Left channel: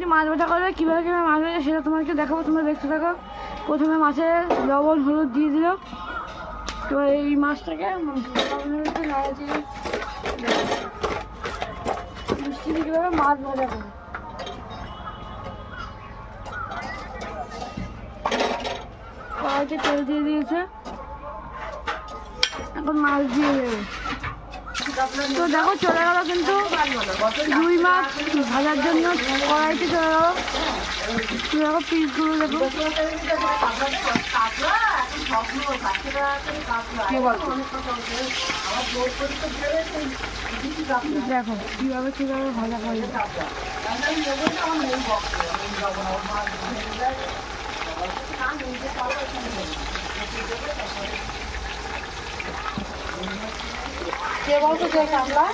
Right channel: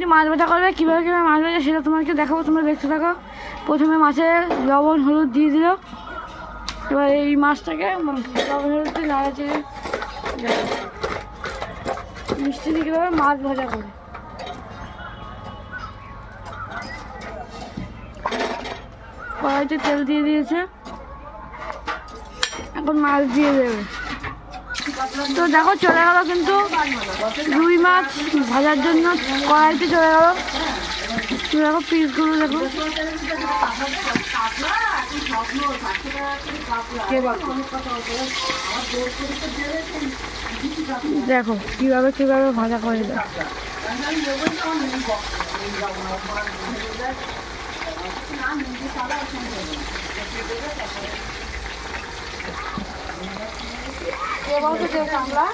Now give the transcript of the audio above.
আজকে মাছ ভাজা করবে, কীভাবে কীভাবে মাছ ভাজা সেটা তোমাকে দেখাবো, তোমরা দেখতে থাকো। প্রথমে মাছে লবণ হলুদ দিয়ে দিল, এবার এই মাছটাকে লবণ হলুদে নাড়াচে মিষ্টি দিয়ে কীভাবে মাছ ভাজা করবে। কড়াইতে তেল দিয়ে দিয়েছে, এখন মাছ দিয়ে দেবে। তো দেখো চলে গেল কিন্তু রুই মাছ ভাজার জন্য কড়াইতে চলে গেল। দেখো পিসগুলো দেখো, দেখো কিভাবে কিভাবে ভাজা করে দেয়। কে বলতো সে কামলা